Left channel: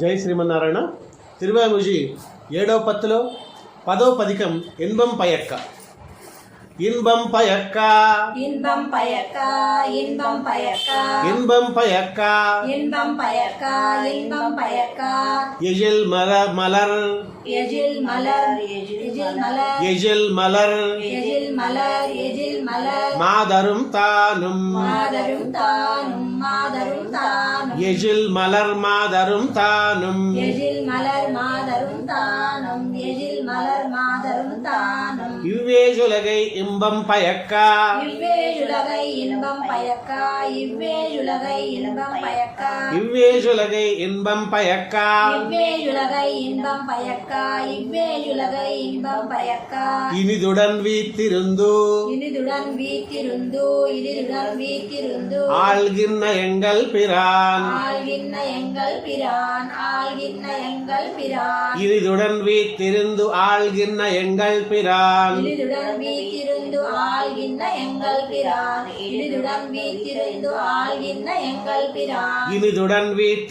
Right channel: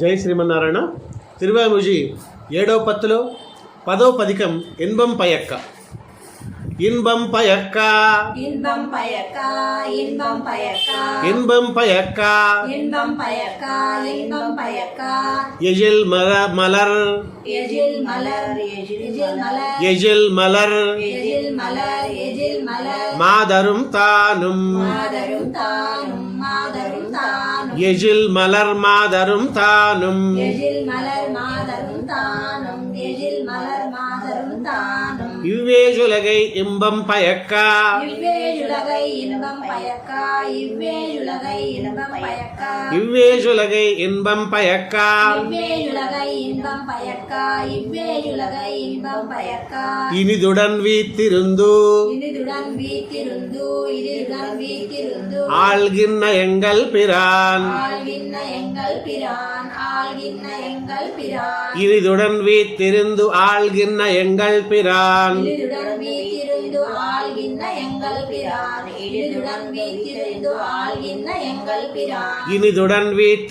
జై శ్రీమన్నారాయణ. తిరువాముజి 7వ పత్తులో 10వ పదికం ఇన్బం పయక్క. இன்பம் பயக்கா இன்பம் பயக்கா இன்பம் பயக்கா இன்பம் பயக்கா இன்பம் பயக்கா இன்பம் பயக்கா எழில் மலர் எழில் மலர் எழில் மலர் எழில் மலர் எழில் மலர் எழில் மலர் மாதரும் தானும் மாதரும் தானும் மாதரும் தானும் எழில் மலர் மாதரும் தானும் எழில் மலர் மாதரும் தானும் எழில் மலர் மாதரும் தானும் இவ்வேஜுலகை இன்பம் பயக்கா இவ்வேஜுலகை இன்பம் பயக்கா இவ்வேஜுலகை இன்பம் பயக்கா இவ்வேஜுலகை இன்பம் பயக்கா இவ்வேஜுலகை இன்பம் பயக்கா இவ்வேஜுலகை இன்பம் பயக்கா இனிதுடன் வீத்திருந்து இனிதுடன் வீட்டிருந்து இனிதுடன் வீட்டிருந்து ஆள்கின்ற எங்கள் பிரான் ஆள்கின்ற எங்கள் பிரான் ஆள்கின்ற எங்கள் பிரான் இனிதுடன் வீத்திருந்து ஆள்கின்ற எங்கள் பிரான் இனிதுடன் வீட்டிருந்து ஆள்கின்ற எங்கள் பிரான் இனிதுடன் வீட்டிருந்து ஆள்கின்ற எங்கள் பிரான் இனிதுடன் வீத்திருந்து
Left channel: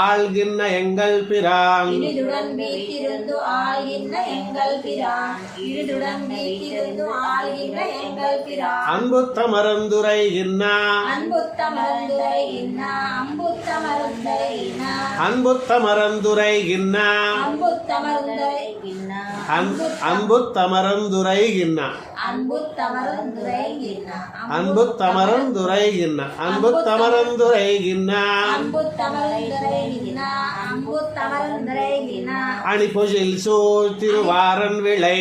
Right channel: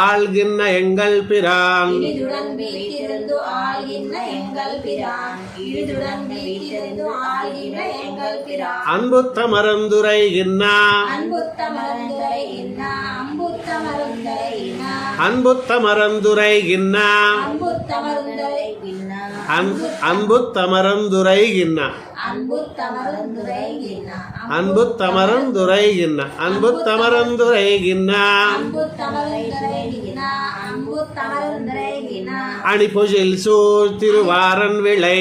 ஆள்கின்ற எங்கள் பிரான் இனிதுடன் வீட்டிருந்து ஆள்கின்ற எங்கள் பிரான் இனிதுடன் வீட்டிருந்து ஆள்கின்ற எங்கள் பிரான் அன்புத்த மறந்துரை இன்னா அன்புத்த மறந்துரை இன்னா அம்புத்த மறந்துரை இன்னா அன்புத்த மறந்துரை இன்னா அம்புத்த மறந்துரை இன்னா அன்புத்த மறந்துரை இன்னா அன்புத்த மறந்துரை இன்னா அன்புத்த மறந்துரை இன்னா அன்புத்த மறந்துரை இன்னா அம்புத்த மறந்துரை இன்னா அம்புத்த மறந்துரை இன்னா அணிபொழில் சோழ் திருவாரன் விளை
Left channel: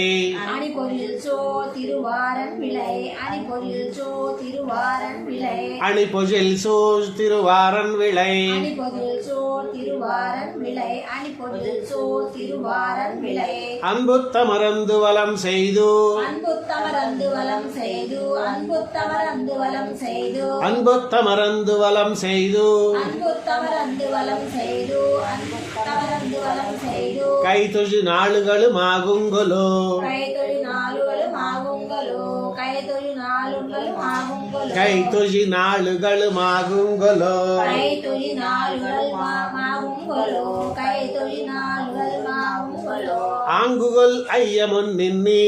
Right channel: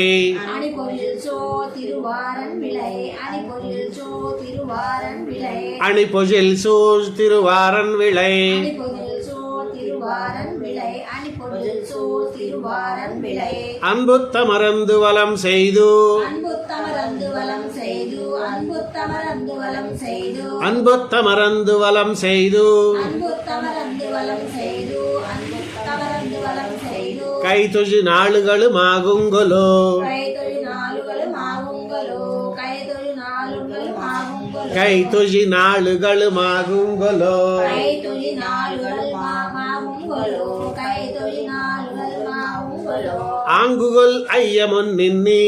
அணிபொழில் சோ திருவாரன் விளை அணிபொழில் சோ திருவாரன் விளை அணிபொழில் சோழ் திருவாரன் விளை அணிபொழில் சோ திருவாரன் விளை அணிபொழில் சோ திருவாரன் விளை அன்புத்த மறந்து வலம் செய்து அன்புத்த மறந்து வலம் செய்து அன்புத்த மறந்து வலம் செய்து அன்புத்த மறந்து வலம் செய்து அன்புத்த மறந்து வலம் செய்து அன்புத்த மறந்து வலம் செய்து கைதொழி நாளுகளுமாகுங்கொலோ கைதொழி நாளுகளும் ஆகுங்களோ கைதொழி நாளுகளும் ஆகுங்களோ கைதொழி நாளுகளுமாகுங்கொலோ கைதொழி நாளுகளும் ஆகுங்களோ கைதொழி நாளுகளும் ஆகுங்களோ ஆங்குகொல் ஐயமுன் நின்னி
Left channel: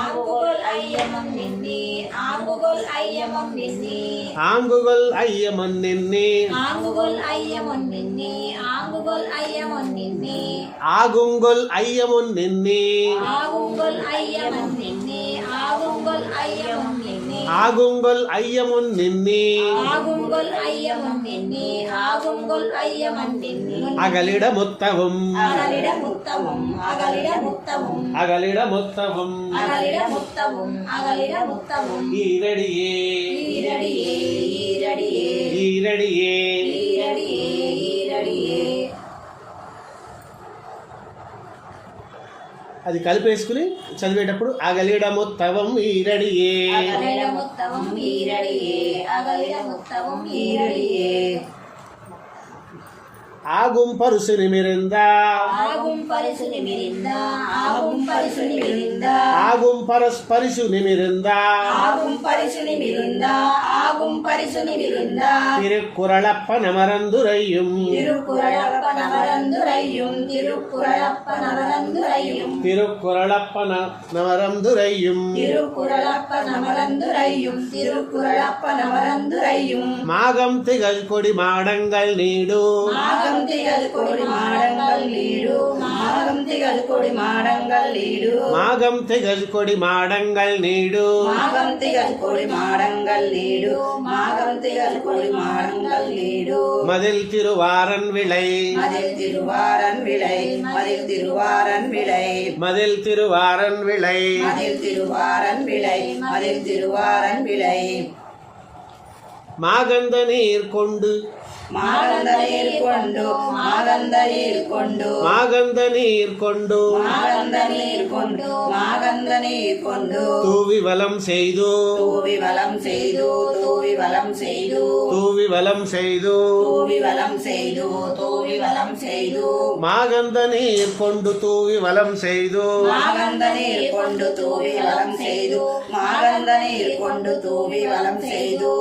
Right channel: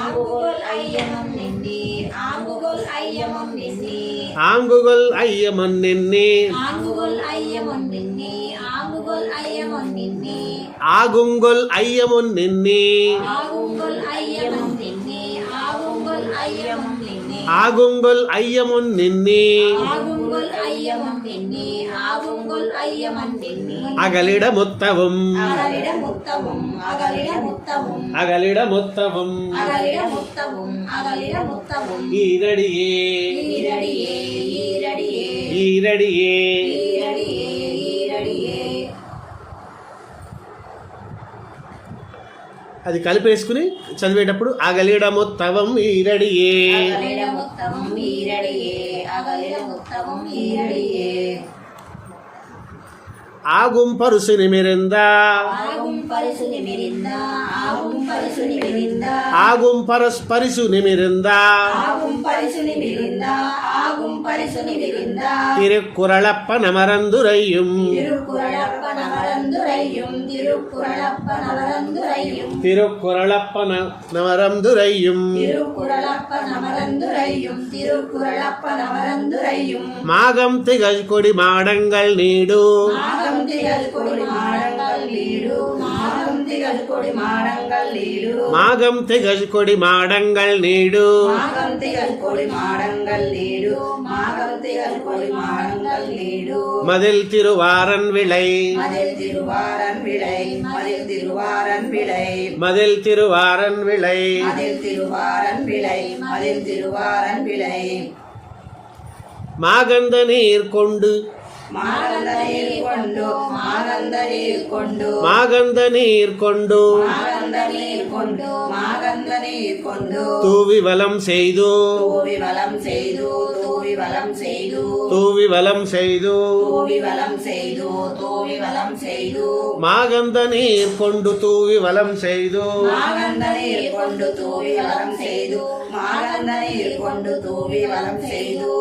ஆங்குகொல் ஐயமும் நின்னி ஆங்குகொல் ஐயமும் நின்னி ஆங்குகொல் ஐயமுன் நின்னி ஆங்குகொல் ஐயமும் நின்னி ஆங்குகொல் ஐயமும் நின்னி ஆகுங்கொல் ஐயமுன் நின்னி ஆகுங்கொல் ஐயமும் நின்னி ஆகுங்கொல் ஐயமும் நின்னி ஆகுங்கொல் ஐயமுன் நின்னி ஆகுங்கொல் ஐயமும் நின்னி ஆகுங்கொல் ஐயமும் நின்னி அகலிட முத்தவும் அகலிட முத்தமும் அகலிட முத்தமும் அகலிட முத்தவும் அகலிட முத்தமும் அகலிட முத்தமும் ஈரடியே ஈரடியே ஈரடியே ஈரடியே ஈரடியே ஈரடியே అది కలిపేసుకుని చదివేటప్పుడు అగలిడ మొత్తవం ఈరడియే அகலிட முத்தமும் ஈரடியே அகலிட முத்தமும் ஈரடியே ஆகும் பருசு நிமிர்ந்தா ஆகும் பரிசு நிமிர்ந்தா ஆகும் பரிசு நிமிர்ந்தா ஆகும் பரிசு நிமிர்ந்தா ஆகும் பரிசு நிமிர்ந்தா ஆகும் பரிசு நிமிர்ந்தா திருக்குறளப்ப நமரந்துரையும் திருக்குறளப்ப நவரந்துரையும் திருக்குறளப்ப நவரந்துரையும் திருக்குறளப்ப நமரந்துரையும் திருக்குறளப்ப நவரந்துரையும் திருக்குறளப்ப நவரந்துரையும் மாகம் திகழ் கொடி மாடங்கள் நீடு மாகம் திகழ் கொடி மாடங்கள் நீடு மாகம் திகழ் கொடி மாடங்கள் நீடு மாகம் திகழ் கொடி மாடங்கள் நீடு மாகம் திகழ் கொடி மாடங்கள் நீடு மாகம் திகழ் கொடி மாடங்கள் நீடு மதில் திருவாரன் விளை மதில் திருவாரன் விளை மதில் திருவாரன் விளை மதில் திருவாரன் விளை மதில் திருவாரன் விளை மதில் திருவாரன் விளை மாகந்த நீர் கொண்டு மாகந்த நீர் கொண்டு மாகந்த நீர் கொண்டு மாகந்த நீர் கொண்டு மாகந்த நீர் கொண்டு மாகந்த நீர் கொண்டு தூவி வலம் செய்து தூவி வலம் செய்து தூவி வலம் செய்து தூவி வலம் செய்து தூவி வலம் செய்து தூவி வலம் செய்து மாகந்த நீர் கொண்டு தூவி வலம் செய்து மாகந்த நீர் கொண்டு தூவி வலம் செய்து மாகந்த நீர் கொண்டு தூவி வலம் செய்து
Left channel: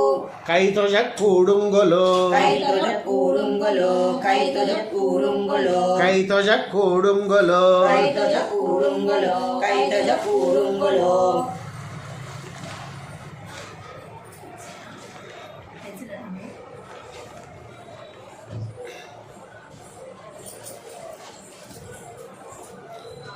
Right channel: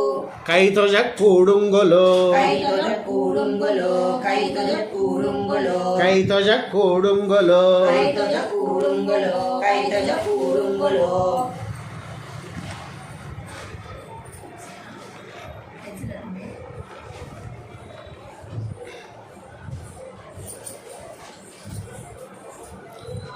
கை தொழ கூடுங்கொலோ கை தொழ கூடுங்கொலோ கை தொழ கூடுங்கொலோ கை தொழ கூடுங்கொலோ கை தொழ கூடுங்கொலோ கை தொழ கூடுங்கொலோ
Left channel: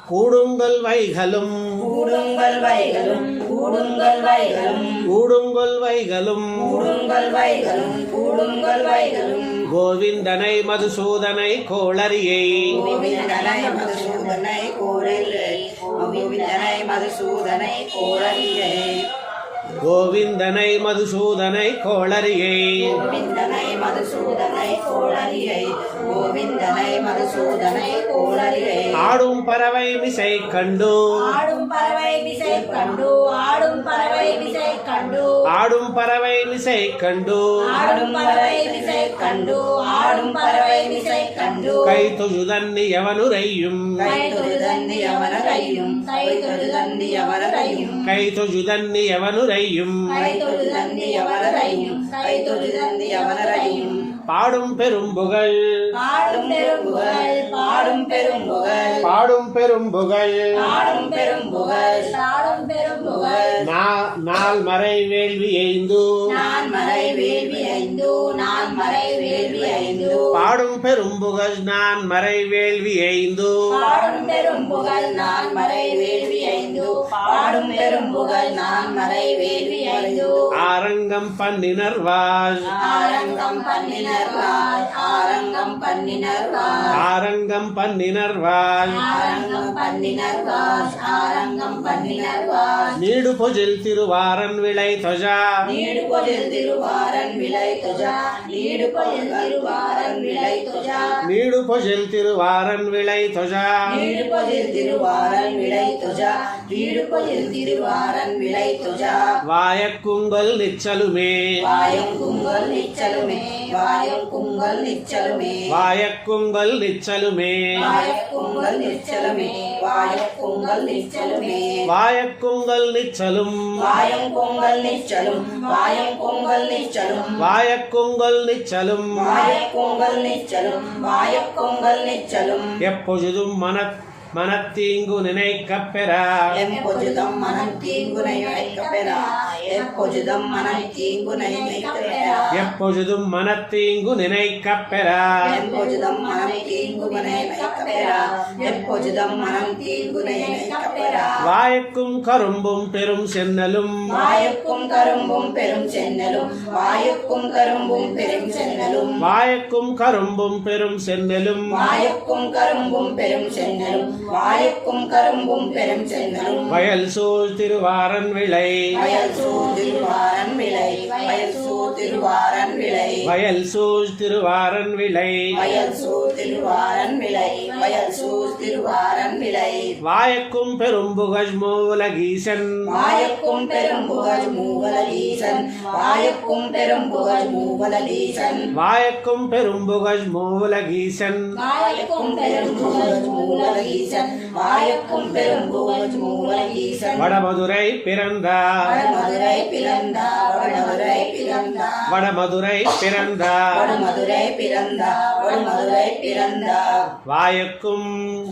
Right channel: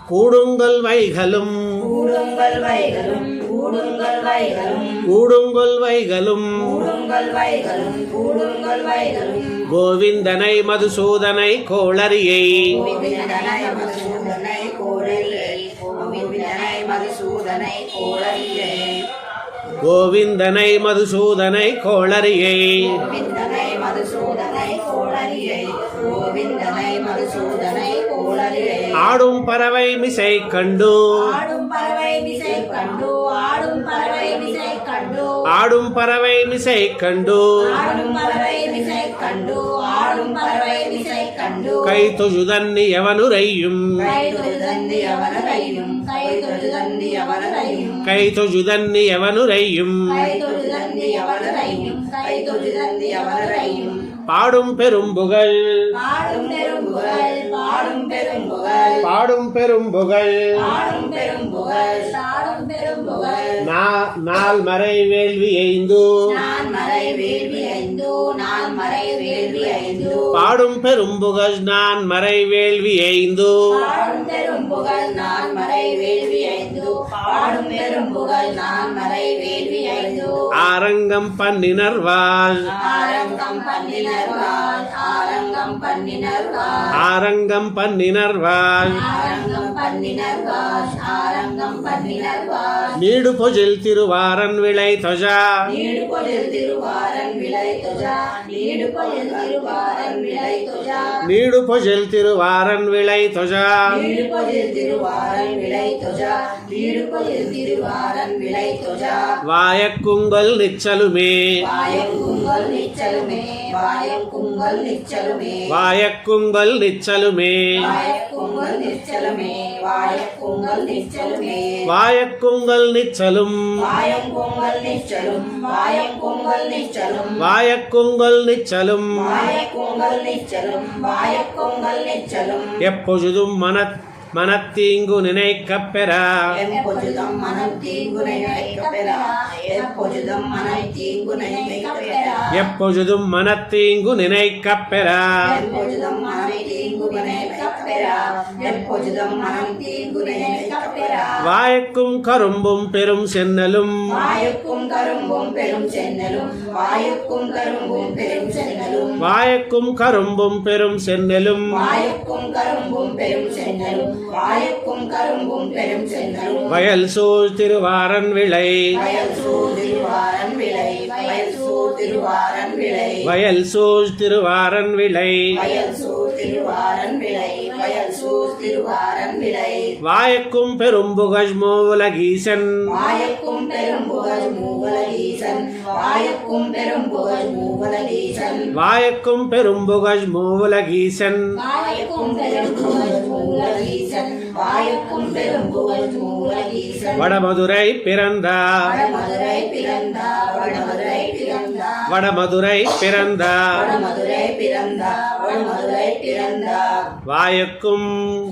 கூடுங்கொல் வைகளும் கூடுங்கல் வைகளும் கூடுங்கல் வைகளும் கூடுங்கொல் வைகளும் கூடுங்கல் வைகளும் கூடுங்கல் வைகளும் கோவிந்தனை மதுசூதனை கோளரியை கோவிந்தனை மதுசூதனை கோளிலே கோவிந்தனை மதுசூதனை கோளிலே கோவிந்தனை மதுசூதனை கோளரியை கோவிந்தனை மதுசூதனை கோளிலே கோவிந்தனை மதுசூதனை கோளிலே ஆடும் பறவை மிசை கண்டு ஆடும் பறவை திசை கண்டு ஆடும் பறவை திசை கண்டு ஆடும் பறவை மிசை கண்டு ஆடும் பறவை திசை கண்டு ஆடும் பறவை திசை கண்டு கை தொழுதன்னி எவனுரையும் கை தொழுதந்தி அவனரையும் கை தொழுதந்தி அவனரையும் கை தொழுதன்னி எவனுரையும் கை தொழுதந்தி அவனரையும் கை தொழுதந்தி அவனரையும் பாடும் பெரும்புகழ் பாடும் பெரும்புகழ் பாடும் பெரும்புகழ் பாடும் பெரும்புகழ் பாடும் பெரும்புகழ் பாடும் பெரும்புகழ் நாள் மறை வேள்வி எய்ந்து நான் மறை வேள்வி ஐந்து நான் மறை வேள்வி ஐந்து பாடும் பெரும்புகழ் நான் மறை வேள்வி எய்ந்து பாடும் பெரும்புகழ் நான் மறை வேள்வி ஐந்து பாடும் பெரும்புகழ் நான் மறை வேள்வி ஐந்து ஆரங்கம் பன்னினர்வாள் ஆரங்கம் பண்ணினர்வாள் ஆரங்கம் பண்ணினர்வாள் ஆரங்கம் பன்னினர்வாள் ஆரங்கம் பண்ணினர்வாள் ஆரங்கம் பண்ணினர்வாள் நீடு பொஜில் திருவாரன் விளை தொஜா நீடு பொழில் திருவாரன் விளை துஜா நீடு பொழில் திருவாரன் விளை துஜா நீடு பொஜில் திருவாரன் விளை தொஜா நீடு பொழில் திருவாரன் விளை துஜா நீடு பொழில் திருவாரன் விளை துஜா வாயக்குங்கல் நிச்சலுமே வாயக்குங்கல் நிச்சலுமே வாயக்குங்கல் நிச்சலுமே வாயக்குங்கல் நிச்சலுமே வாயக்குங்கல் நிச்சலுமே வாயக்குங்கல் நிச்சலுமே வாயக்குங்கல் நிச்சலும் வாயக்குங்கல் நிச்சலும் வாயக்குங்கல் நிச்சலும் வாயக்குங்கல் நிச்சலும் வாயக்குங்கல் நிச்சலும் வாயக்குங்கல் நிச்சலும் எப்பொழுதும் மனத்தீங்கு நினைக்கப் பெறா எப்பொழுதும் மனம் தீங்குனை நினைக்கப்பெறா எப்பொழுதும் மனம் தீங்குனை நினைக்கப்பெறா எப்பொழுதும் மனத்தீங்கு நினைக்கப் பெறா எப்பொழுதும் மனம் தீங்குனை நினைக்கப்பெறா எப்பொழுதும் மனம் தீங்குனை நினைக்கப்பெறா வாயக்கும் கரும்பும் பெரும் சென்னலும் வாயுக்கும் கரும்பும் பெரும் சென்னலும் வாயுக்கும் கரும்பும் பெரும் சென்னலும் வாயக்கும் கரும்பும் பெரும் சென்னலும் வாயுக்கும் கரும்பும் பெரும் சென்னலும் வாயுக்கும் கரும்பும் பெரும் சென்னலும் வயல் சூழ் திருவாரன் விளை வயல் சூழ் திருவாரன் விளை வயல் சூழ் திருவாரன் விளை வயல் சூழ் திருவாரன் விளை வயல் சூழ் திருவாரன் விளை வயல் சூழ் திருவாரன் விளை வாயக்கும் பெரும்புகழ் மூலகீசன் வாயுக்கும் பெரும்புகழ் மூவலகீசன் வாயுக்கும் பெரும்புகழ் மூவலகீசன் வாயக்கும் பெரும்புகழ் மூலகீசன் வாயுக்கும் பெரும்புகழ் மூவலகீசன் வாயுக்கும் பெரும்புகழ் மூவலகீசன் வடமதுரை பிறந்தார் வடமதுரை பிறந்தா வடமதுரை பிறந்தா வடமதுரை பிறந்தார் வடமதுரை பிறந்தா வடமதுரை பிறந்தா வாயக்கும்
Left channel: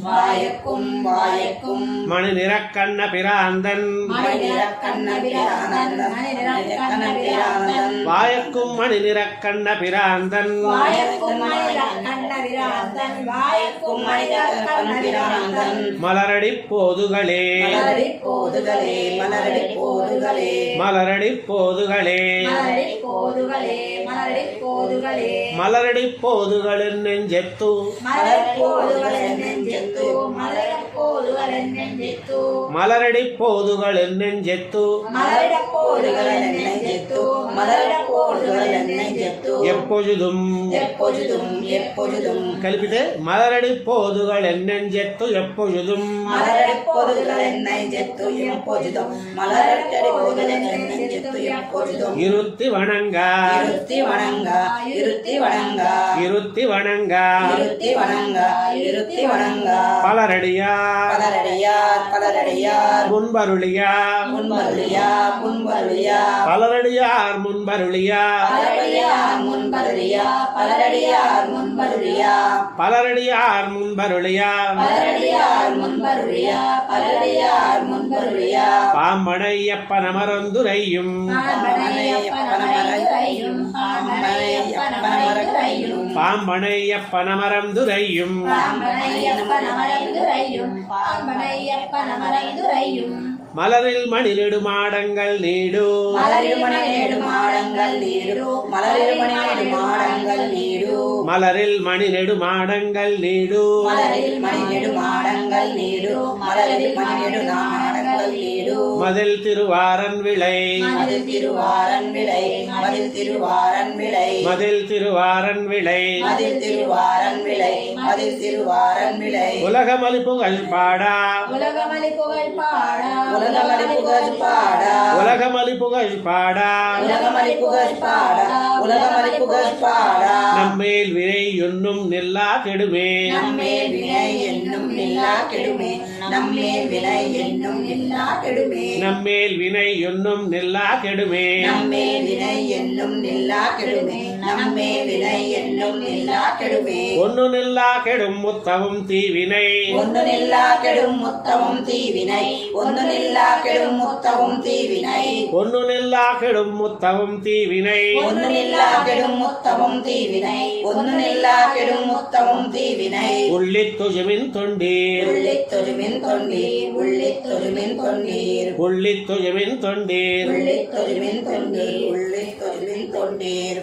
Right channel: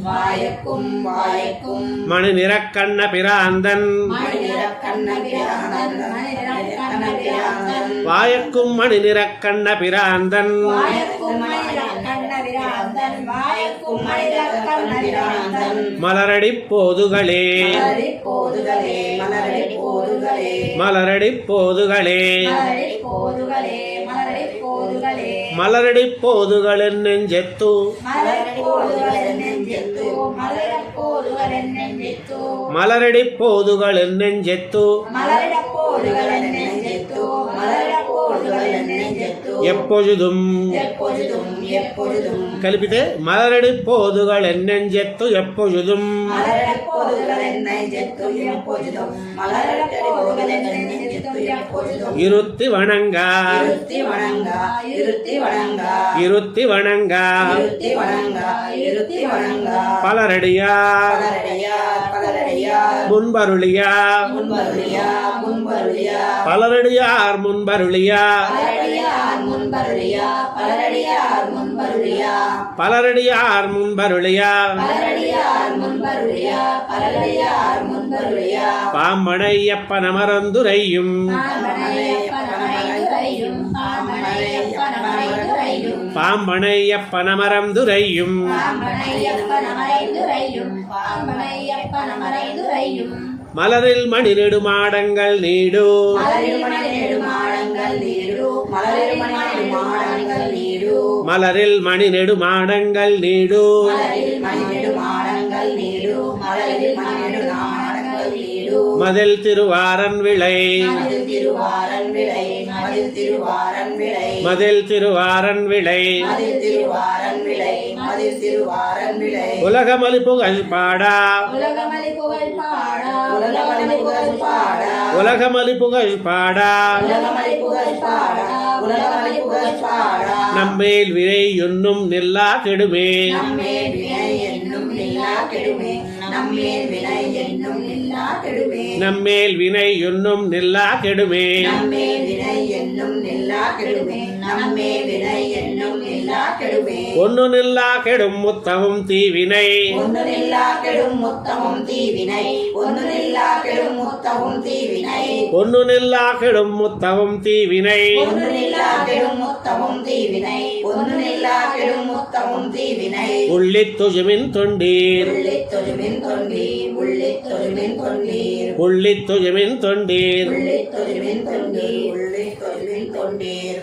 வாயக்கும் வாயக்கும் மணி நிறக்கண்ண பிராந்தன் மணிரக்கண்ண பிரானந்தன் மணிரக்கண்ண பிரானந்தன் வாயக்கும் மணி நிறக்கண்ண பிராந்தன் வாயக்கும் மணிரக்கண்ண பிரானந்தன் வாயக்கும் மணிரக்கண்ண பிரானந்தன் மலரடி போதுகளே மலரடி போதுகளே மலரடி போதுகளே மலரடி போதுகளே மலரடி போதுகளே மலரடி போதுகளே மலரடி போதுகளின் நெஞ்செத்து மலரடி போதுகளே நெஞ்செத்து மலரடி போதுகளே நெஞ்செத்து மலரடி போதுகளின் நெஞ்செத்து மலரடி போதுகளே நெஞ்செத்து மலரடி போதுகளே நெஞ்செத்து எப்பொழுதும் எப்பொழுதும் எப்பொழுதும் కలిపితే మలరడి పోదుగళ ఎన్నెంజెత్తు ఎప్పొழுதும் மலரடி போதுகளே நெஞ்செத்து எப்பொழுதும் மலரடி போதுகளே நெஞ்செத்து எப்பொழுதும் இருத்தி வணங்கா இருத்தி வணங்கா இருத்தி வணங்கா இருத்தி வணங்கா இருத்தி வணங்கா இருத்தி வணங்கா பலரடியார் பலரடியார் பலரடியார் முன்பருளியா முன்வருளியா முன்வருளியா பலரடியார் முன்பருளியா பலரடியார் முன்வருளியா பலரடியார் முன்வருளியா பலரடியார் முன்பருளியா பலரடியார் முன்வருளியா பலரடியார் முன்வருளியா பாம்பனையப்பனமரந்துரையும் பாம்பனையப்பனமரந்துரையும் பாம்பனையப்பனமரந்துரையும் பாம்பனையப்பனமரந்துரையும் பாம்பனையப்பனமரந்துரையும் பாம்பனையப்பனமரந்துரையும் மலரில் மணிநெடுமாடங்கள் நீடு மலரில் மணிநெடுமாடங்கள் நீடு மலரில் மணிநெடுமாடங்கள் நீடு மலரில் மணிநெடுமாடங்கள் நீடு மலரில் மணிநெடுமாடங்கள் நீடு மலரில் மணிநெடுமாடங்கள் நீடு மதில் திருவாரன் விளை மதில் திருவாரன் விளை மதில் திருவாரன் விளை மதில் திருவாரன் விளை மதில் திருவாரன் விளை மதில் திருவாரன் விளை உலகமலி புகழ் பாடா உலகமலி புகழ் பாடா உலகமலி புகழ் பாடா உலகமலி புகழ் பாடா உலகமலி புகழ் பாடா உலகமலி புகழ் பாடா நம்மேல் வினை என்னும் நில்லா கெடுமே நம்மேல் வினை என்னும் நில்லா கெடுமே நம்மேல் வினை என்னும் நில்லா கெடுமே நம்மேல் வினை என்னும் நில்லா கெடுமே நம்மேல் வினை என்னும் நில்லா கெடுமே நம்மேல் வினை என்னும் நில்லா கெடுமே ஒன்னு நில்லா கெடும் முத்தமும் தீவினை ஒன்று நில்லா கெடும் முத்தமும் தீவினை ஒன்று நில்லா கெடும் முத்தமும் தீவினை ஒன்னு நில்லா கெடும் முத்தமும் தீவினை ஒன்று நில்லா கெடும் முத்தமும் தீவினை ஒன்று நில்லா கெடும் முத்தமும் தீவினை உள்ளித் துஜுமின் தொண்டீர் உள்ளித் தொழுமின் தொண்டீர் உள்ளித் தொழுமின் தொண்டீர் உள்ளித் துஜுமின் தொண்டீர் உள்ளித் தொழுமின் தொண்டீர் உள்ளித் தொழுமின் தொண்டீர்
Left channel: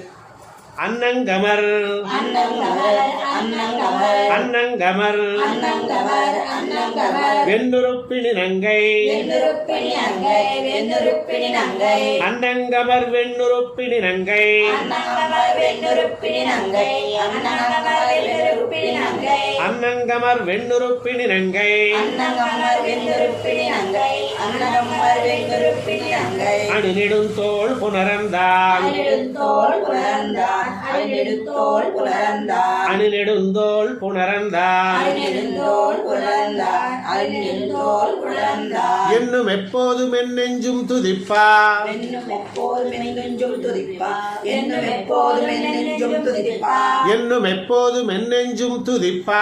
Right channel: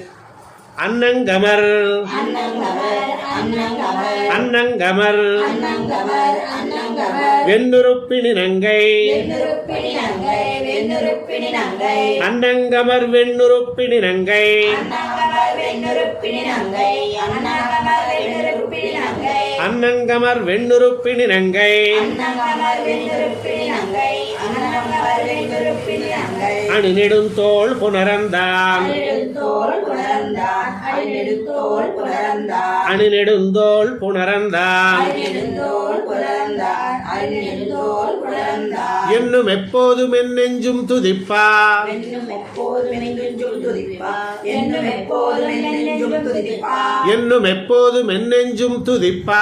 அன்னங்கமர் அன்னங்கவர் அன்னங்கவர் அன்னங்கமர் அன்னங்கவர் அன்னங்கவர் வெண்ணுறுப்பினி நங்கை வெண்ணுறுப்பினி நங்கை வெண்ணுறுப்பினி நங்கை அன்னங்கமர் வெண்ணுறுப்பினி நங்கை அன்னங்கவர் வெண்ணுறுப்பினி நங்கை அன்னங்கவர் வெண்ணுறுப்பினி நங்கை அன்னங்கமர் வெண்ணுறுப்பினி நங்கை அன்னங்கவர் வெண்ணுறுப்பினி நங்கை அன்னங்கவர் வெண்ணுறுப்பினி நங்கை அணிநெடுந்தோள் புனரந்தான் அணிநெடுந்தோள் புணர்ந்தான் அணிநெடுந்தோள் புணர்ந்தான் அணிநெடுந்தோள் புனரந்தான் அணிநெடுந்தோள் புணர்ந்தான் அணிநெடுந்தோள் புணர்ந்தான் என்னும் எப்போதும் என் நெஞ்சும் துதிப்பா என்னும் எப்போதும் நெஞ்சும் துதிப்பா என்னும் எப்போதும் நெஞ்சும் துதிப்பா என்னும் எப்போதும் என் நெஞ்சும் துதிப்பா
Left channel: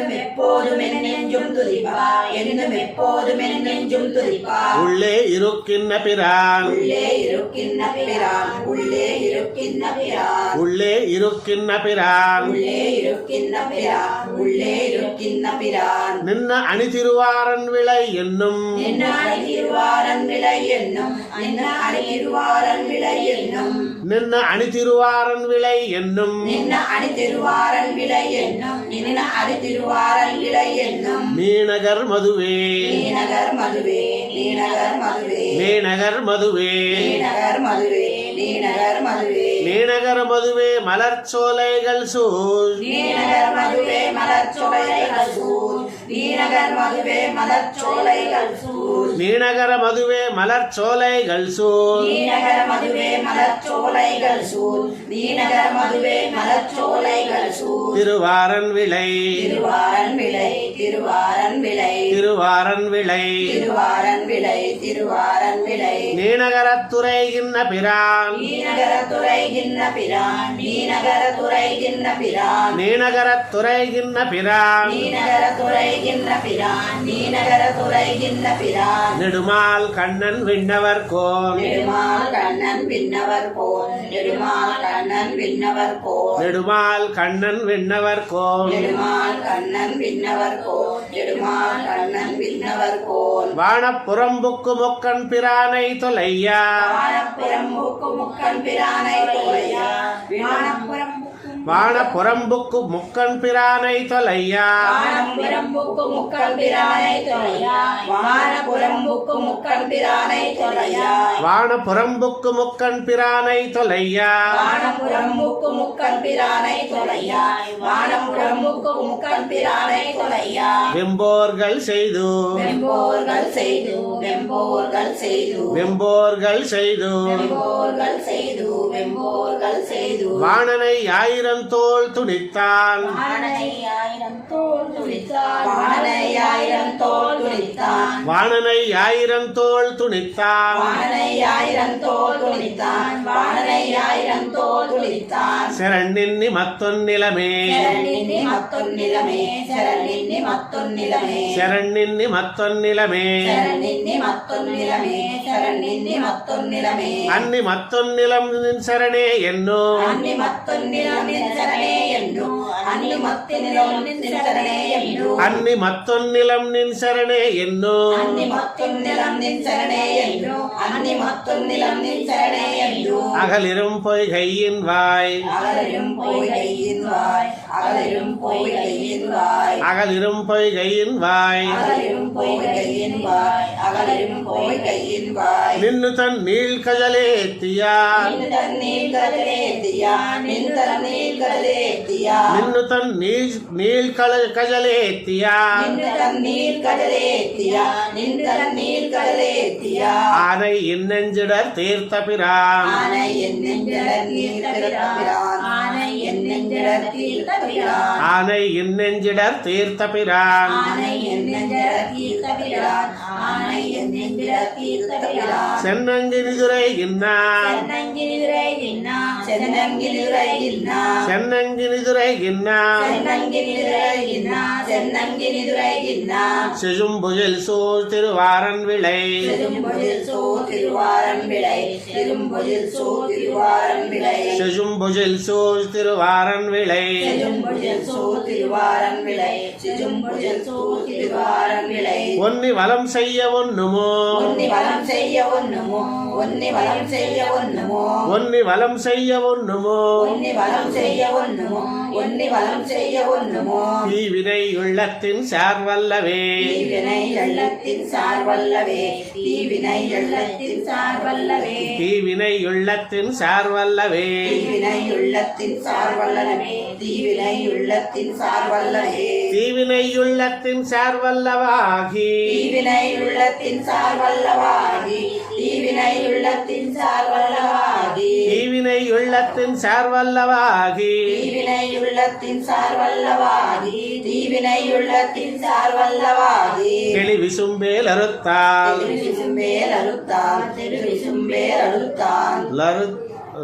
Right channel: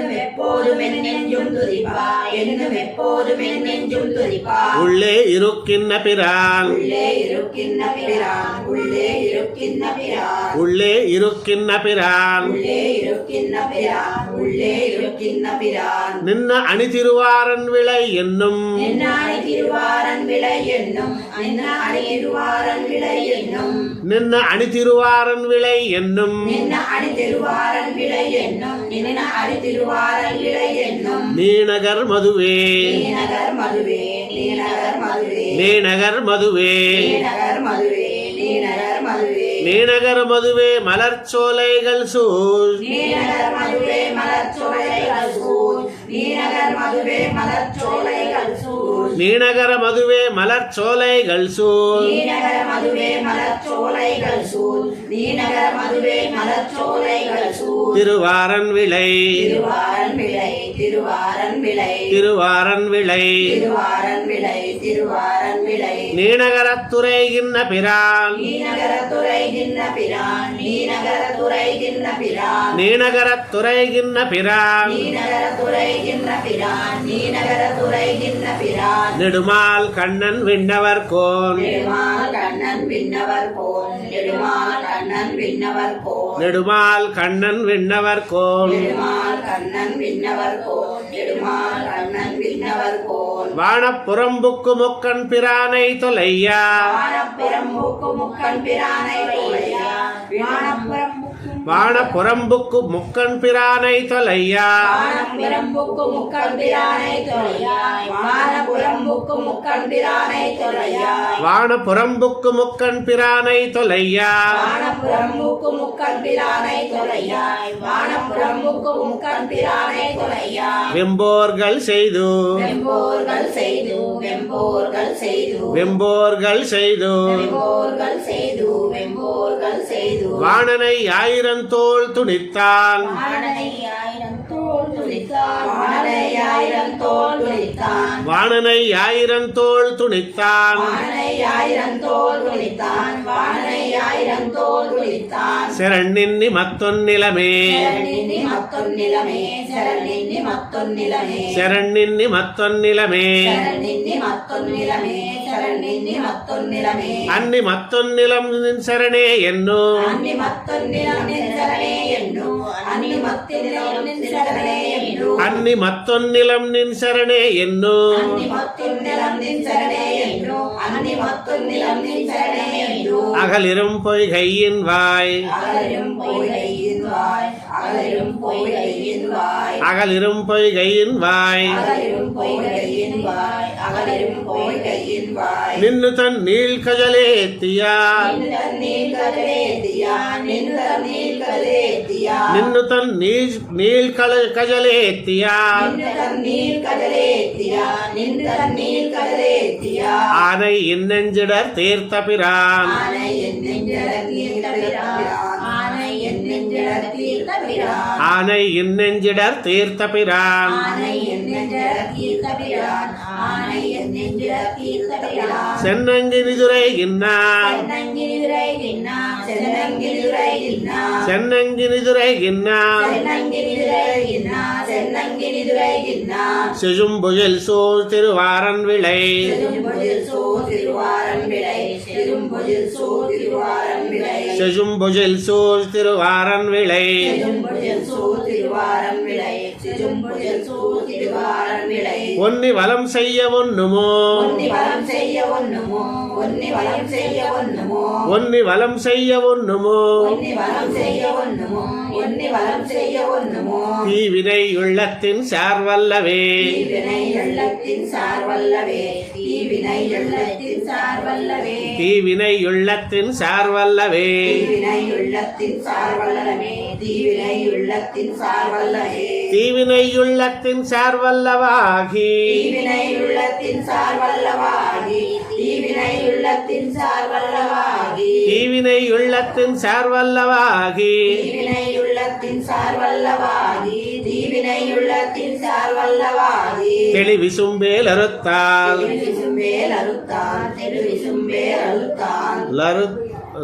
என்னும் எப்போதும் நெஞ்சும் துதிப்பா என்னும் எப்போதும் நெஞ்சும் துதிப்பா உள்ளே இருக்கின்ற பிரான் உள்ளே இருக்கின்ற பிரான் உள்ளே இருக்கின்ற பிரான் உள்ளே இருக்கின்ற பிரான் உள்ளே இருக்கின்ற பிரான் உள்ளே இருக்கின்ற பிரான் நின்ன அணி திருவாரன் விளை என்னும் என்ன அணி திருவாரன் விளை என்னும் என்ன அணி திருவாரன் விளை என்னும் நின்ன அணி திருவாரன் விளை என்னும் நின்ன அணி திருவாரன் விளை என்னும் நின்ன அணி திருவாரன் விளை என்னும் நீநகர் மதுவே நீநகர் மதுவே நீநகர் மதுவே நீநகர் மதுவே நீநகர் மதுவே நீநகர் மதுவே நீநகர் மதுவே மலர்ச்சோலைகள் சூழ் நீநகர் மதுவே மலர்ச்சோலைகள் சூழ் நீநகர் மதுவே மலர்ச்சோலைகள் சூழ் நீநகர மதுவே மலர்ச்சோலைகள் சூழ் நீநகர் மதுவே மலர்ச்சோலைகள் சூழ் நீநகர் மதுவே மலர்ச்சோலைகள் சூழ் திருவாரன் விளை திருவாரன் விளை திருவாரன் விளை திருவாரன் விளை திருவாரன் விளை திருவாரன் விளை நீநகரத்துறைகின்ற பிரான் நீநகரத்துறைகின்ற பிரான் நீநகரத்துறைகின்ற பிரான் நீநகரத்துறைகின்ற பிரான் நீநகரத்துறைகின்ற பிரான் நீநகரத்துறைகின்ற பிரான் நெடுமால் கண்ணன் விண்ணவர் கோன் நெடுமால் கண்ணன் விண்ணவர் போல் நெடுமால் கண்ணன் விண்ணவர் போல் நெடுமால் கண்ணன் விண்ணவர் கோன் நெடுமால் கண்ணன் விண்ணவர் போல் நெடுமால் கண்ணன் விண்ணவர் போல் வானப்புறம்புக்கு மொக்கன் பிரானை தொலையா வானப்புறம் மூக்கு முக்கன் பிரானை தொலையா வானப்புறம் மூக்கு வான புறம்புக்கு முக்கண் பிரானை தொலையா வானப்புறம்புக்கு முக்கண் பிரானை தொலையாய் வானப்புறம்புக்கு முக்கண் பிரானை தொலையாய் வான புறம்புக்கு முக்கண் பிரானை தொலையா வானப்புறம்புக்கு முக்கண் பிரானை தொலையாய் வானப்புறம்புக்கு முக்கண் பிரானை தொலையாய் வெம்போர்கள் செய்து வெம்போர்கள் செய்து வெம்போர்கள் செய்து வெம்போர்கள் செய்து வெம்போர்கள் செய்து வெம்போர்கள் செய்து வாணனை ஆயிரம் தோள் துணித்தான் வாணனை ஆயிரம் தோள் துணித்தான் வாணனை ஆயிரம் தோள் துணித்தான் வாணனை ஆயிரம் தோள் துணித்தான் வாணனை ஆயிரம் தோள் துணித்தான் வாணனை ஆயிரம் தோள் துணித்தான் செரண்ணின்னி மத்தொன்னிலமே சரணின்னி மத்தொன்னிலமே சரணின்னி மத்தொன்னிலமே செரண்ணின்னி மத்தொன்னிலமே சரணின்னி மத்தொன்னிலமே சரணின்னி மத்தொன்னிலமே அன்னி மத்தொன்னிலம் சரணே என்னோ அன்னி மத்தொன்னிலம் நின்றனே எண்ணு அன்னி மத்தினிலம் நின்றனே எண்ணு அன்னி மத்தொன்னிலம் நின் சரணே என்னோ அன்னி மத்தொன்னிலம் நின்றனே எண்ணு அன்னி மத்தொன்னிலம் நின்றனே எண்ணு அகலிரும் பொய்கையின் வாய் அகலும் பொய்கையின் வாய் அகலும் பொய்கையின் வாய் அகலிரும் பொய்கையின் வாய் அகலும் பொய்கையின் வாய் அகலும் பொய்கையின் வாய் நின்னு தன் நீள் கஜலேத்தியா நின்ற நீர்களேத்தியா நின்ற நீர்களேத்தியா நின்னு தன் நீள் கஜலேத்தியா நின்ற நீர்களேத்தியா நின்ற நீர்களேத்தியா ஆனை இன்னெஞ்சிடர் தீர்த்த பிரான் ஆனை என்னெஞ்சட தீர்த்தபிரான் ஆனை என்னெஞ்சட தீர்த்தபிரான் ஆனை இன்னெஞ்சிடர் தீர்த்த பிரான் ஆனை என்னெஞ்சட தீர்த்தபிரான் ஆனை என்னெஞ்சட தீர்த்தபிரான் சென்னங்கிரிதுரை கின்னான் சென்னங்கிரிதுரை கின்னா சென்னங்கிரிதுரை கின்னா சென்னங்கிரிதுரை கின்னான் சென்னங்கிரிதுரை கின்னா சென்னங்கிரிதுரை கின்னா செழும்புயல் சூழ் திருவாரன் விளை திரும்பொழில் சூ திருவாரன் விளை திரும்பொழில் சூ திருவாரன் விளை செழும்புயல் சூழ் திருவாரன் விளை திரும்பொழில் சூ திருவாரன் விளை திரும்பொழில் சூ திருவாரன் விளை ஒன்னி வலம் செய்ய ஒண்ணுமோ ஒன்னி வலம் செய்ய ஒண்ணுமோ ஒன்னி வலம் செய்ய ஒண்ணுமோ ஒன்னி வலம் செய்ய ஒண்ணுமோ ஒன்னி வலம் செய்ய ஒண்ணுமோ ஒன்னி வலம் செய்ய ஒண்ணுமோ தீவினை உள்ளத்தின் சார்வல்லவே தீவினை எள்ளத்தின் சார்வல்லவே தீவினை எள்ளத்தின் சார்வல்லவே தீவினை உள்ளத்தின் சார்வல்லவே தீவினை உள்ளத்தின் சார்வல்லவே தீவினை உள்ளத்தின் சார்வல்லவே தீவினை உள்ளத்தின் சார்வல்லவாகி தீவினை உள்ளத்தின் சார்வல்லவாகி தீவினை உள்ளத்தின் சார்வல்லவாகி தீவினை உள்ளத்தின் சார்வல்லவாகி தீவினை உள்ளத்தின் சார்வல்லவாகி தீவினை உள்ளத்தின் சார்வல்லவாகி தெளிவிசும்பேல் அறுத்தால் திருவிசும்பேல் அறுத்தான் திருவிசும்பேல் அறுத்தான் லரு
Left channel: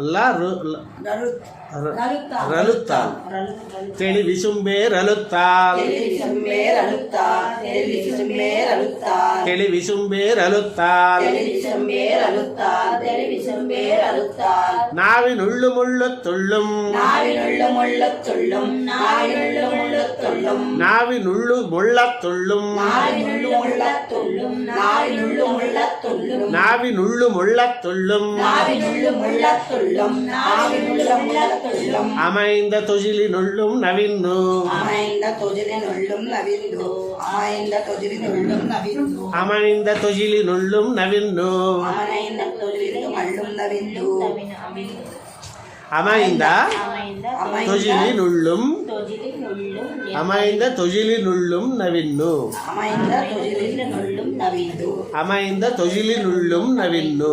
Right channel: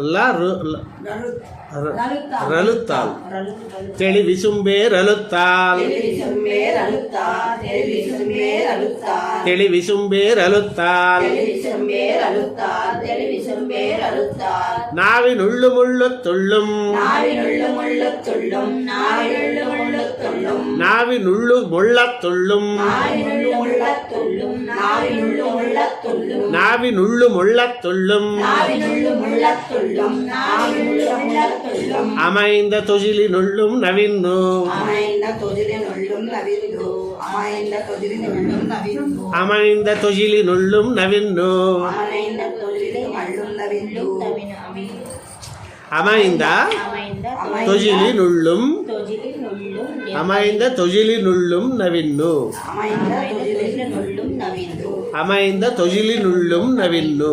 லரு ரலுத்தால் தெளிவிசும்பேர் அழுத்தால் திருவிசும்பேல் அறுத்தான் திருவிசும்பேல் அறுத்தான் தெளிவிசும்பேர் அழுத்தால் திருவிசும்பேல் அறுத்தான் திருவிசும்பேல் அறுத்தான் நாவின் உள்ளுமுள்ளு துள்ளும் நாவினுள்ளு முள்ளத் துள்ளும் நாவினுள்ளு முள்ளத் துள்ளும் நாவின் உள்ளு முள்ளத் துள்ளும் நாவினுள்ளு முள்ளத் துள்ளும் நாவினுள்ளு முள்ளத் துள்ளும் நாவின் உள்ளு முள்ளத் துள்ளும் நாவினுள்ளு முள்ளத் துள்ளும் நாவினுள்ளு முள்ளத் துள்ளும் அமைந்த தொழிலினுள்ளும் நவின்னு அமைந்த துதிரினுள்ளும் நவிந்து அமைந்த துதிரினுள்ளும் நவிந்து அமைந்த தொழிலினுள்ளும் நவின்னு அமைந்த துதிரினுள்ளும் நவிந்து அமைந்த தொழிலினுள்ளும் அமைந்த தொழிலினுள்ளும் நவின்னு அமைந்த துதிரினுள்ளும் நவிந்து அமைந்த தொழிலினுள்ளும் நவின்னு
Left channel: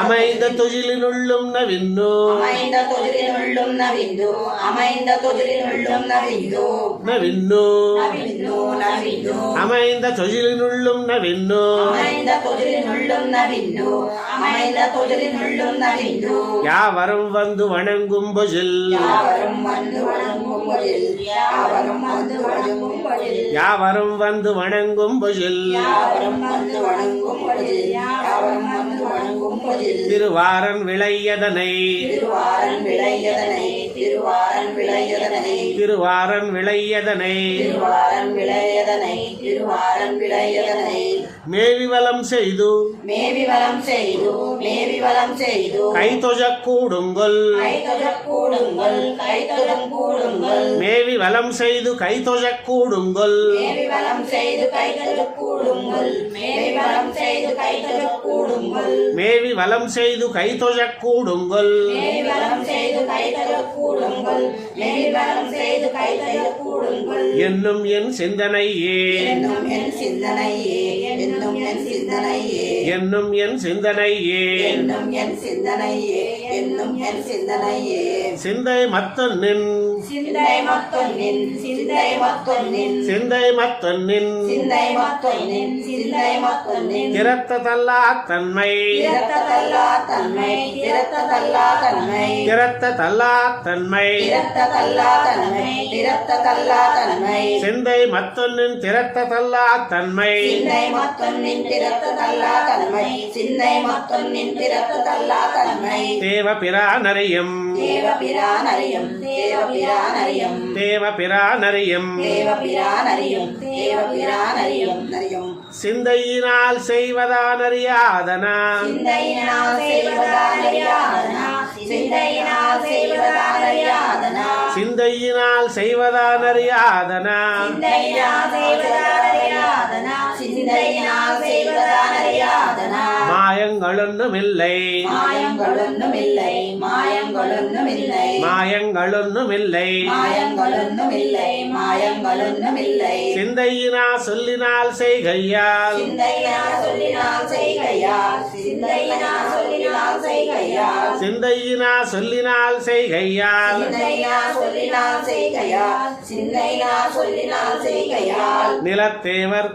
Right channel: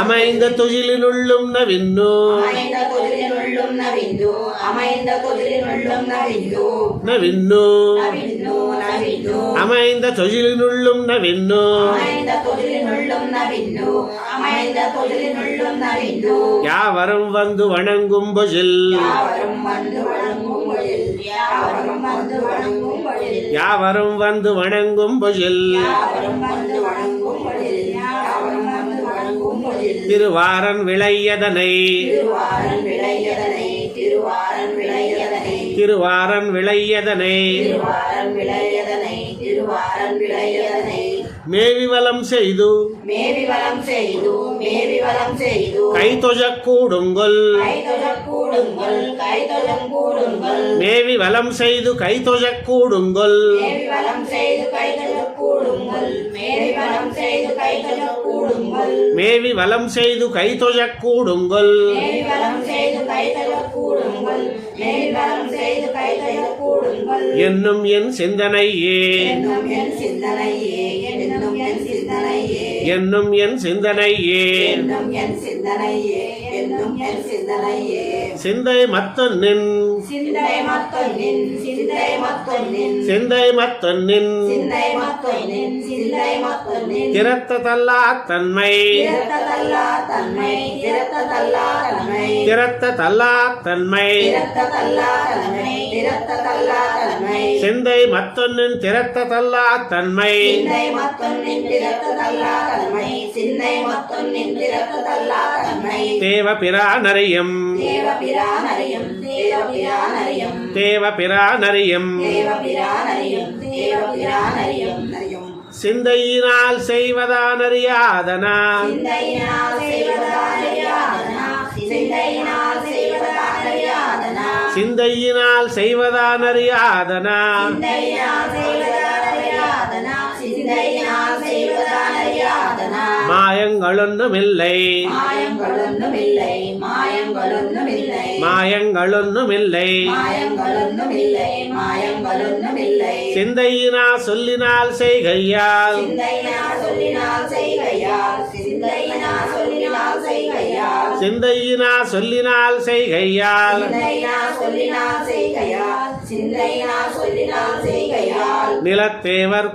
அமைந்த தொழிலினுள்ளும் நவின்னு அமைந்த துதிரினுள்ளும் நவிந்து அமைந்த துதிரினுள்ளும் நவிந்து நவின்னு நவிந்து நவிந்து அமைந்த தொழிலினுள்ளும் நவின்னு அமைந்த துதிரினுள்ளும் நவிந்து அமைந்த துதிரினுள்ளும் நவிந்து யாவரும் வந்து வணங்கும் பொழில் யாவரும் வந்து வணங்கும் பொழில் யாவரும் வந்து வணங்கும் பொழில் யாவரும் வந்து வணங்கும் பொழில் யாவரும் வந்து வணங்கும் பொழில் யாவரும் வந்து வணங்கும் பொழில் திருவாரன் விளையதனை திருவாரன் விளையதனை திருவாரன் விளையதனை திருவாரன் விளையதனை திருவாரன் விளையதனை திருவாரன் விளையதனை மேவி வலம் செய்து மேவி வலம் செய்து மேவி வலம் செய்து கைதொழக் கூடுங்கள் கைதொழக் கூடுங்கள் கைதொழக் கூடுங்கள் மேவி வலம் செய்து கைதொழக் கூடுங்கள் மேவி வலம் செய்து கைதொழக் கூடுங்கள் மேவி வலம் செய்து கைதொழக் கூடுங்கள் மேவி வலம் செய்து கைதொழக் கூடுங்கள் மேவி வலம் செய்து கைதொழக் கூடுங்கள் மேவி வலம் செய்து கைதொழக் கூடுங்கள் என்னும் என் சிந்தனையே என்னும் என் சிந்தனையே என்னும் என் சிந்தனையே என்னும் என் சிந்தனையே என்னும் என் சிந்தனையே என்னும் என் சிந்தனையே சிந்தை மத்தொன்னின் சிந்தை மத்தொன்னின் சிந்தை மத்தொன்னின் சிந்தை மத்தொன்னின் சிந்தை மத்தொன்னின் சிந்தை மத்தொன்னின் திறத்த தல்லா தன்மை திறத்ததல்லா தன்மை திறத்ததல்லா தன்மை திறத்த தல்லா தன்மை திறத்ததல்லா தன்மை திறத்ததல்லா தன்மை சிந்தை மத்தொன்னின் திறத்த தல்லா தன்மை சிந்தை மத்தொன்னின் திறத்ததல்லா தன்மை சிந்தை மத்தொன்னின் திறத்ததல்லா தன்மை தேவ பிரானரியம் தேவபிரானரியம் தேவபிரானரியம் தேவ பிரானரியம் தேவபிரானரியம் தேவபிரானரியம் நரியம் சிந்தையினால் செய்வதானறியாதனா சிந்தையினால் செய்வதானறியாதனா சிந்தையினால் செய்வதானறியாதனா சிந்தையினால் செய்வதானறியாதனா சிந்தையினால் செய்வதானறியாதனா சிந்தையினால் செய்வதானறியாதனா மாயங்களொன்றுமில்லை மாயங்களொன்றுமில்லை மாயங்களொன்றுமில்லை மாயங்களொன்றுமில்லை மாயங்களொன்றுமில்லை மாயங்களொன்றுமில்லை சிந்தையினா சொல்லினால் செய்கையால் சிந்தையினால் சொல்லினால் செய்கையால் சிந்தையினால் சொல்லினால் செய்கையால் சிந்தையினா சொல்லினால் செய்கையால் சிந்தையினால் சொல்லினால் செய்கையால் சிந்தையினால் சொல்லினால் செய்கையால் நிலத்தேவர்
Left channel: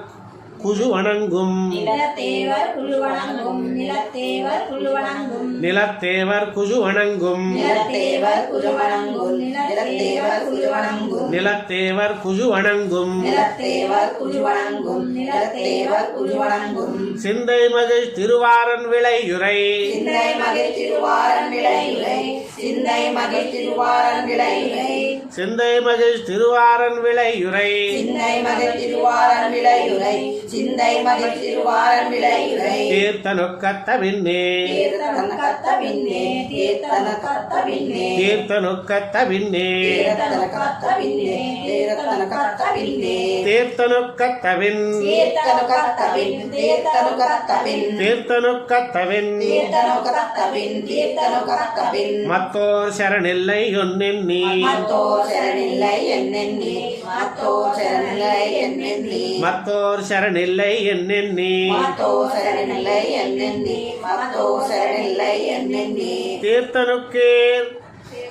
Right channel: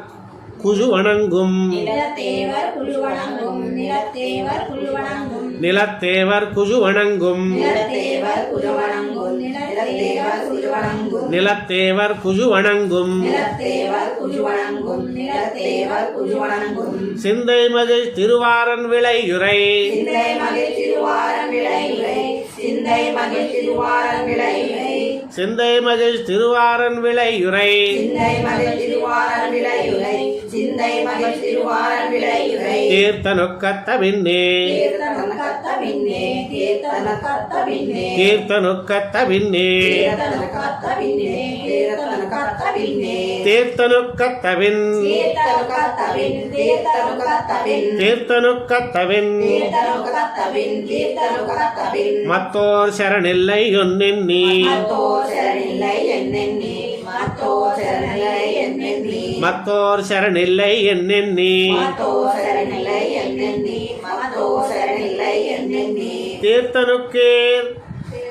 குழு வணங்கும் நிலத்தேவர் குழு வணங்கும் நிலத்தேவர் குழு வணங்கும் நிலத்தேவர் குழு வணங்கும் நிலத்தேவர் குழு வணங்கும் நிலத்தேவர் குழு வணங்கும் நிலத்தேவர் குழு வணங்கும் நிலத்தேவர் குழு வணங்கும் நிலத்தேவர் குழு வணங்கும் சிந்தை மகிழ் திருவாரன் விளையுரை சிந்தை மகிழ் திருவாரன் விளையுரை சிந்தை மகிழ் திருவாரன் விளையுரை சிந்தை மகிழ் திருவாரன் விளையுரை சிந்தை மகிழ் திருவாரன் விளையுரை சிந்தை மகிழ் திருவாரன் விளையுரை கீர்த்தனுக்கத்த பின்னே கீர்த்தன கத்த பின்னே கீர்த்தன கத்த பின்னே கீர்த்தனுக்கத்த பின்னே கீர்த்தன கத்த பின்னே கீர்த்தன கத்த பின்னே தீர்த்தனுக்கத்த பின் கீர்த்தன கத்த பின் கீர்த்தன கத்த பின் தீர்த்தனுக்கத்த பின் கீர்த்தன கத்த பின் கீர்த்தன கத்த பின் மத்தோர் சரணில்லை ஒன்னெண்ணி மத்தோ சரணில்லை என்னென்னி மத்தோ சரணில்லை என்னென்னி மத்தோர் சரணில்லை என்னெண்ணி மத்தோ சரணில்லை என்னென்னி மத்தோ சரணில்லை என்னென்னி தீர்த்தனுக்கேர்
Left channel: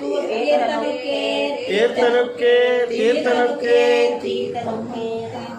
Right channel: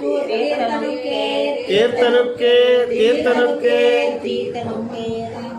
தீர்த்தனுக்கே தீர்த்தனுக்கே தீர்த்தனுக்கே தீர்த்தனுக்கே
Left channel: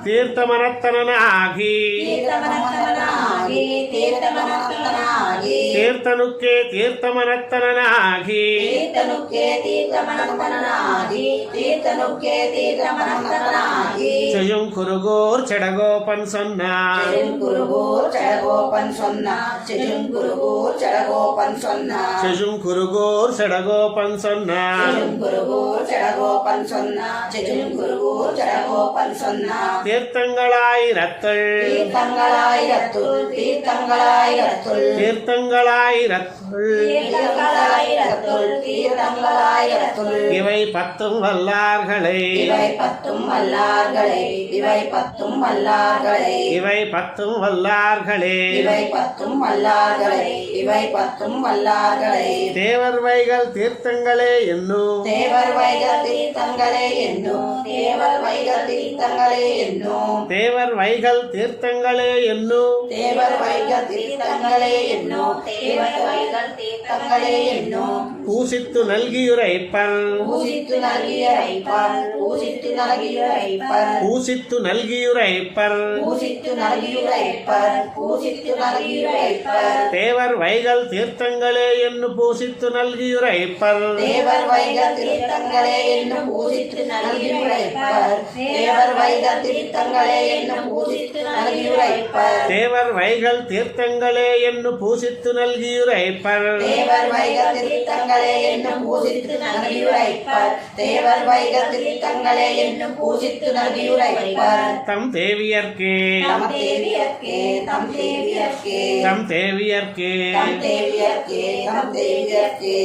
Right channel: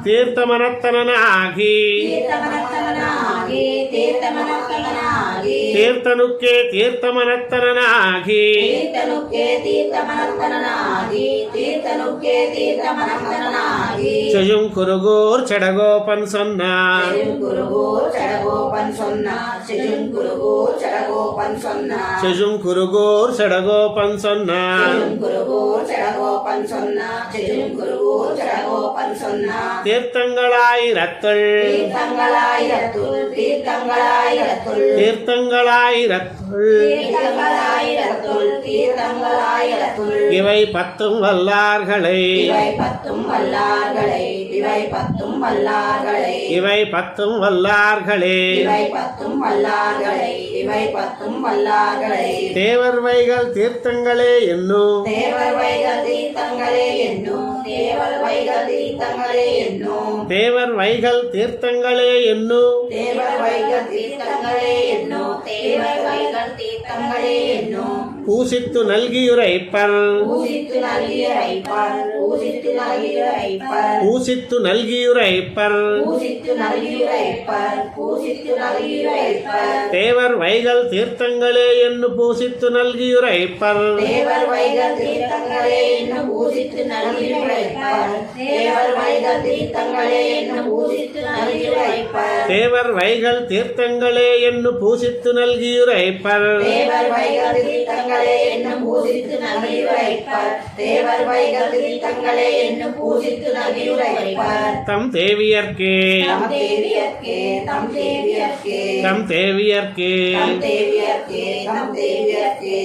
தீர்த்தமனத்தனாகி தீர்த்தமனத்தனாகி தீர்த்தமனத்தனாகி தீர்த்தனுக்கே தீர்த்தமனத்தனாகி தீர்த்தனுக்கே தீர்த்தமனத்தனாகி தீர்த்தனுக்கே தீர்த்தமனத்தனாகி செய்யும் குருகோர் செடகோபன் சொன்னார் குருகோர் சடகோபன் சொன்னா செஜும் குருகோர் சடகோபன் சொன்னா செய்யும் குருகோர் செடகோபன் சொன்னார் குருகோர் சடகோபன் சொன்னா செஜும் குருகோர் சடகோபன் சொன்னா தீர்த்தங்களாயிரத்துள் தீர்த்தங்களாயிரத்துள் தீர்த்தங்களாயிரத்துள் தீர்த்தங்களாயிரத்துள் தீர்த்தங்களாயிரத்துள் தீர்த்தங்களாயிரத்துள் இவை பத்தும் வல்லார்களை இவை பத்தும் வல்லார்களை இவை பத்தும் வல்லார்களை இவை பத்தும் வல்லார்களே இவை பத்தும் வல்லார்களை இவை பத்தும் வல்லார்களை தேவர் வைகள் தீர்த்தங்களே என்னும் தேவர் வைகள் தீர்த்தங்களே என்னும் தேவர் வைகள் தீர்த்தங்களே என்னும் தேவர் வைகள் தீர்த்தங்களே என்னும் தேவர் வைகள் தீர்த்தங்களே என்னும் தேவர் வைகள் தீர்த்தங்களே என்னும் பூசித்து நல்கியுரைப்பர் பூசித்து நல்கியுரைப்பர் பூசித்து நல்கியுரைப்பர் பூசித்து நல்கியுரைப்பர் பூசித்து நல்கியுரைப்பர் பூசித்து நல்கியுரைப்பர் தேவர் வைகள் தீர்த்தங்களே என்று பூசித்து நல்கியுரைப்பர் தேவர் வைகள் தீர்த்தங்களே என்னும் பூசித்து நல்கியுரைப்பர் தேவர் வைகள் தீர்த்தங்களே என்னும் பூசித்து நல்கியுரைப்பர் தேவர் வைகள் தீர்த்தங்களே என்று பூசித்து நல்கியுரைப்பர் தேவர் வைகள் தீர்த்தங்களே என்னும் பூசித்து நல்கியுரைப்பர் தேவர் வைகள் தீர்த்தங்களே என்னும் பூசித்து நல்கியுரைப்பர் தம் தேவியர்க்கே நம் தேவிய தேவியர்க்கே தம் தேவியர்க்கே தம் தேவியர்க்கே தம் தேவியர்க்கே தம் தேவியர்க்கே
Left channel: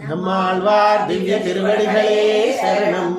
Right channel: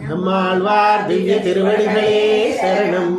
நம்மாழ்வார் திவ்ய திருவடிகளே சரணம்.